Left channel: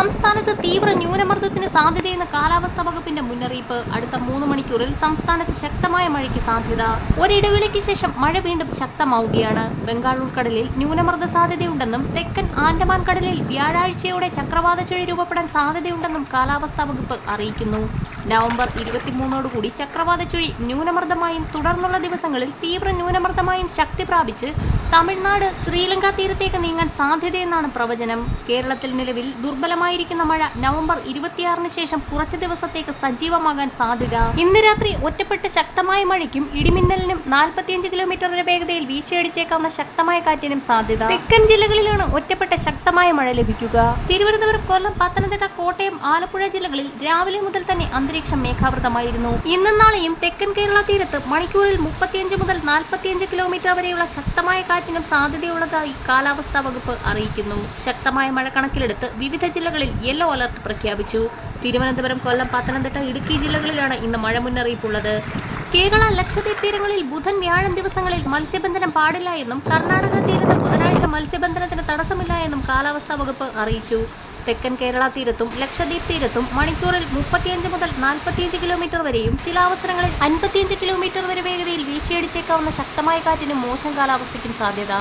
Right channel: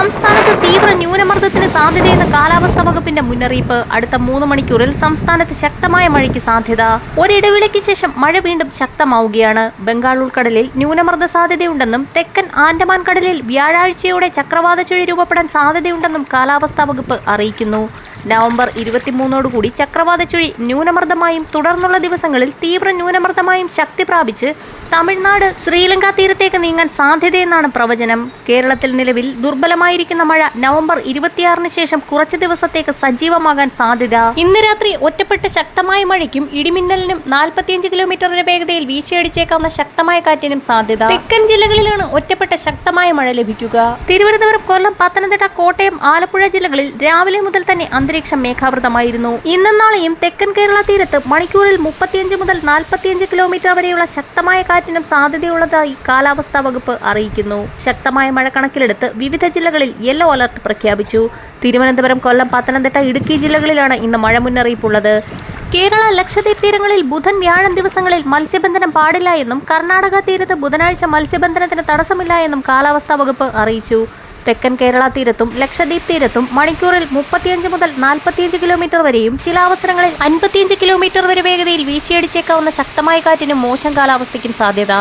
സംസ്ഥാനത്ത് തീവ്ര ന്യൂനമർദ്ദത്തിന് സാധ്യതയെന്ന കാലാവസ്ഥാ വകുപ്പിന്റെ മുന്നറിയിപ്പ് അടുത്ത മൂന്ന് മണിക്കൂറിൽ സംസ്ഥാനത്ത് ശക്തമായ മഴയ്ക്ക് സാധ്യത. ഒരിടവേളയ്ക്ക് ശേഷം മഴ വീണ്ടും ശക്തമാവുകയാണ്. ബംഗാൾ ഉൾക്കടലിൽ ന്യൂനമർദ്ദ സാധ്യതയുണ്ടെന്നും തെക്കൻ ആൻഡമാൻ കടലിൽ വ്യാഴാഴ്ചയോടെ ചക്രവാത ചുഴി രൂപപ്പെടാൻ സാധ്യതയുണ്ടെന്നും കാലാവസ്ഥാ വകുപ്പ് അറിയിക്കുന്നു. നവംബർ ഇരുപത്തിമൂന്നോടുകൂടി ചക്രവാത ചുഴി ന്യൂനമർദ്ദമായും തുടർന്നുള്ള ദിവസങ്ങളിൽ തീവ്ര ന്യൂനമർദ്ദമായും ശക്തി പ്രാപിച്ച് തമിഴ്നാട് ശ്രീലങ്ക തീരത്തേക്ക് നീങ്ങാൻ സാധ്യതയെന്നാണ് പ്രവചനം. കേരളത്തിൽ നിലവിൽ ദുർബലമായിരിക്കുന്ന മഴ നവംബർ ഇരുപത്തിയാറിന് ശേഷം കുറച്ച് ദിവസത്തേക്ക് സജീവമാകാൻ സാധ്യത. ഇന്ന് രാത്രി ഒറ്റപ്പെട്ട ശക്തമായ മഴയ്ക്കും ഇടിമിന്നലിനും നാൽപ്പത്തിയഞ്ച് കിലോമീറ്ററിന്റെ വേഗതയിൽ വീശിയടിച്ചേക്കാവുന്ന ശക്തമായ കാറ്റിനും സാധ്യത. തെക്കൻ ജില്ലകളിലാണ് ഒറ്റപ്പെട്ട ശക്തമായ മഴ ലഭിക്കുക. തിരുവനന്തപുരം കൊല്ലം പത്തനംതിട്ട കോട്ടയം ആലപ്പുഴ ജില്ലകളിൽ രാവിലെ മുതൽ തന്നെ അന്തരീക്ഷം മേഘാവൃതമായിരുന്നു. ഇന്നും നാളെയും തെക്കൻ കേരള തീരത്ത് മണിക്കൂറിൽ മുപ്പത്തിയഞ്ച് മുതൽ നാൽപ്പത്തിയഞ്ച് കിലോമീറ്റർ വരെയുള്ള ശക്തമായ കാറ്റിനും സാധ്യതയുള്ളതായി കാലാവസ്ഥാ വകുപ്പ് അറിയിക്കുന്നു. ശക്തമായ മഴ കണക്കിലെടുത്ത് വിവിധ ജില്ലകളിൽ യെല്ലോ അലർട്ട് പ്രഖ്യാപിച്ചു. തിരുവനന്തപുരം കൊല്ലം പത്തനംതിട്ട ഇടുക്കി ജില്ലകളിലാണ് ഇന്ന് മഴ മുന്നറിയിപ്പുള്ളത്. കേരള ലക്ഷദ്വീപ് തീരങ്ങളിൽ ബുധൻ വ്യാഴം ദിവസങ്ങളിൽ മത്സ്യബന്ധനം പാടില്ല എന്നും കർണാടക തീരത്ത് ബുധനാഴ്ച മത്സ്യബന്ധനത്തിന് തടസ്സമില്ല എന്നും കാലാവസ്ഥാ വകുപ്പ് അറിയിച്ചു. തെക്കൻ കേരള തീരത്തും ലക്ഷദ്വീപ് തീരത്തും മണിക്കൂറിൽ മുപ്പത്തിയഞ്ച് മുതൽ നാൽപ്പത്തിയഞ്ച് കിലോമീറ്റർ വരെയും ചില അവസരങ്ങളിൽ അൻപത്തിയഞ്ച് കിലോമീറ്റർ വരെ വേഗതയിൽ വീശിയടിച്ചേക്കാവുന്ന ശക്തമായ കാറ്റിനും മോശം കാലാവസ്ഥയ്ക്കും സാധ്യത.